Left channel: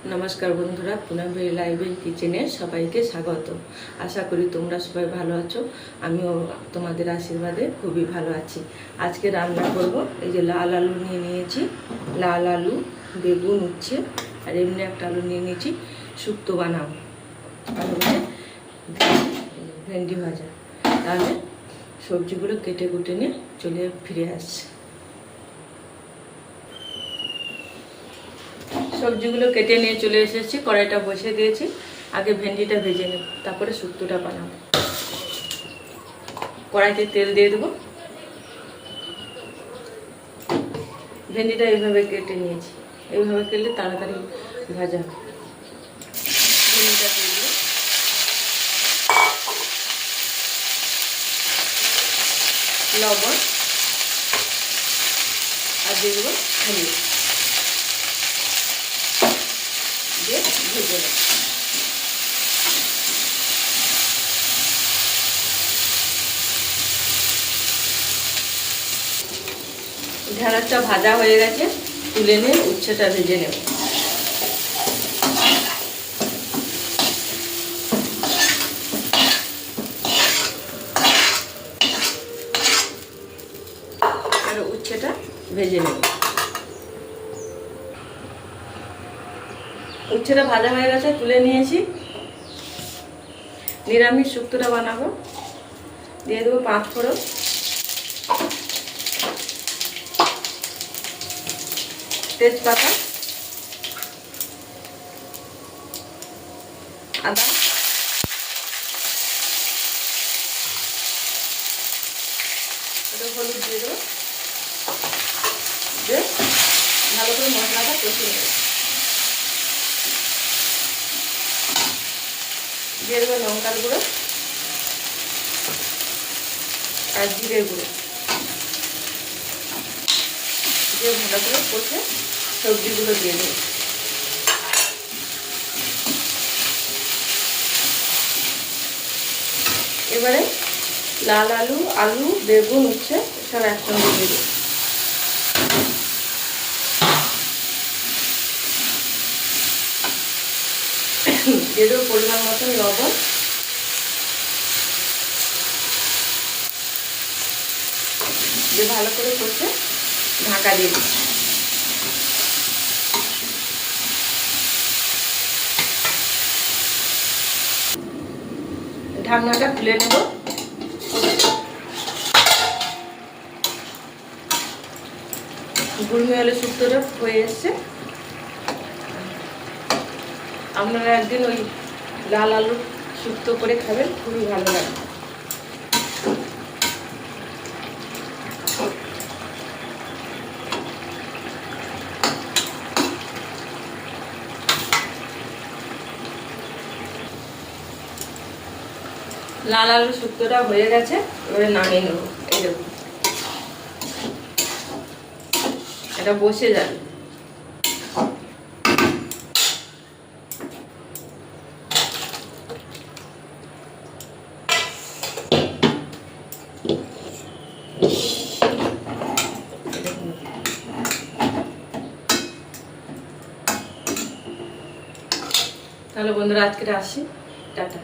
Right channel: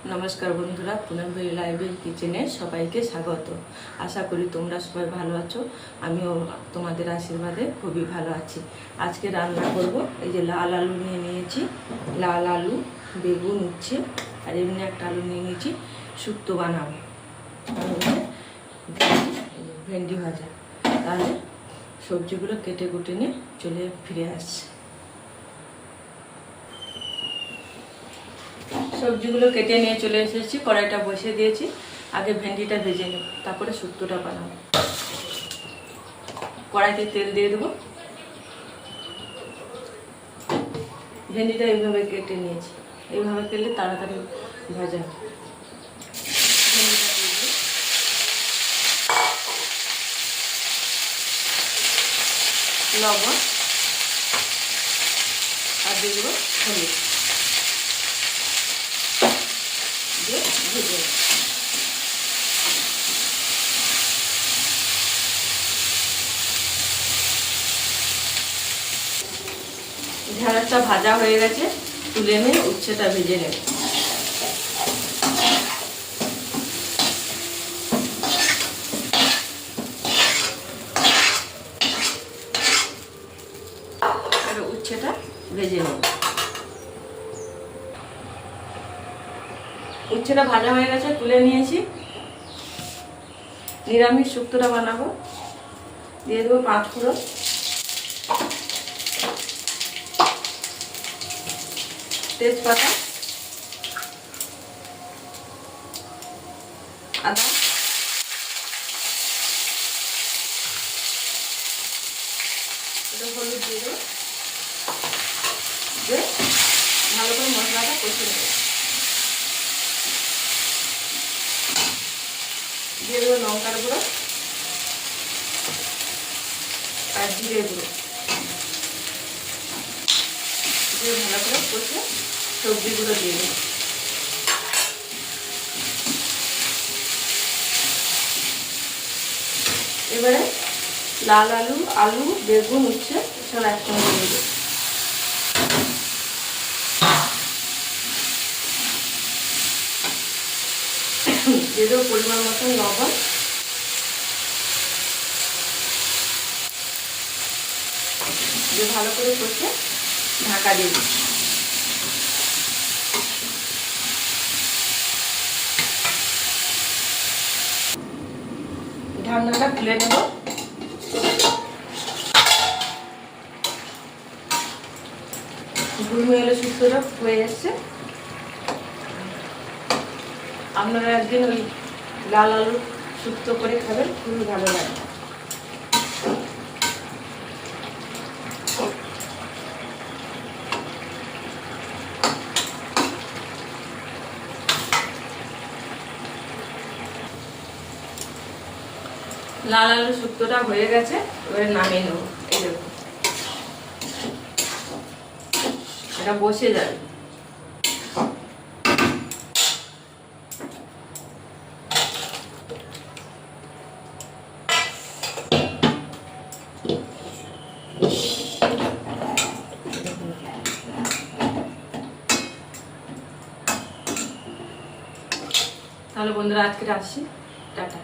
नमस्कार बंधुरा पुनर् लाइव किचेने सबाइके स्वागत। आशा करी तोमरा सबाई भालो आछो, आमिओ तोमादेर आशीर्वादे खूबই ভালো আছি। আজকে রান্না করব এই যে লাল আলু নিয়ে নিয়েছি, লাল আলু বেগুন উচ্ছে আর এমনি একটা আলু নিয়ে নিয়েছি, শুক্তো বানাবো আর হচ্ছে ভেন্ডি ভাজা। তাহলে সবজিগুলো কেটে কুটে নিয়ে চলে ফিরে আসছি। সবজিগুলো কেটে নিয়ে চলে এসেছি, কড়াইটা বসিয়ে দিয়েছি। আগে ভেন্ডিটা ভেজে নেব, তারপরে শুক্তোটা বানাবো। কড়াইতে তেল দিয়ে দেবো। ভেন্ডিটা এইভাবে কেটে নিয়েছি, এইভাবে কেটে তাড়াতাড়ি ভাজা হবে। ভেন্ডিটা দিয়ে দেবো, লবণ আর দিয়ে দেবো হলুদ দিয়ে ভেজে নেব। ঢ্যাঁড়সটা ভাজা হয়ে গেছে, তুলে নিয়ে উচ্ছেটা ভেজে নেব। আর উচ্ছেটা ভেজে নেব। উচ্ছেটা ভাজা হয়ে গেছে, তুলে নিয়েছি। নিরামিষ শুক্তোটা বানাবো। দিয়ে দেবো 5 ফোড়ন, তেজপাতা, আদা, হলুদ দিয়ে দেবো, দিয়ে ভালো করে মশলাটা কষিয়ে দেবো। দিয়ে দেবো লঙ্কার গুঁড়ো আর জিরে গুঁড়ো দিয়ে ভালো করে কষে সবজিগুলো দিয়ে দেবো। এবারে লাল আলু বেগুন উচ্ছে সব একসঙ্গে দিয়ে দেবো। দিয়ে দেবো পরিমাণ মতো লবণ, দিয়ে ভালো করে কষে ঢাকা দিয়ে দিই। ঢাকনাটা খুলে নেব। গুড়মি আলু শুক্তোটা হয়ে এসছে। আপনারা একদিন ওই লাল আলু শুক্তো করে খাবেন, খুবই ভালো লাগে। লাল আলু শুক্তোটা হয়ে গেছে, এবারে নামিয়ে নেব। এই দেখুন, এটা বসে যাবে। তাহলে বন্ধুরা আজকে আসি, টাটা।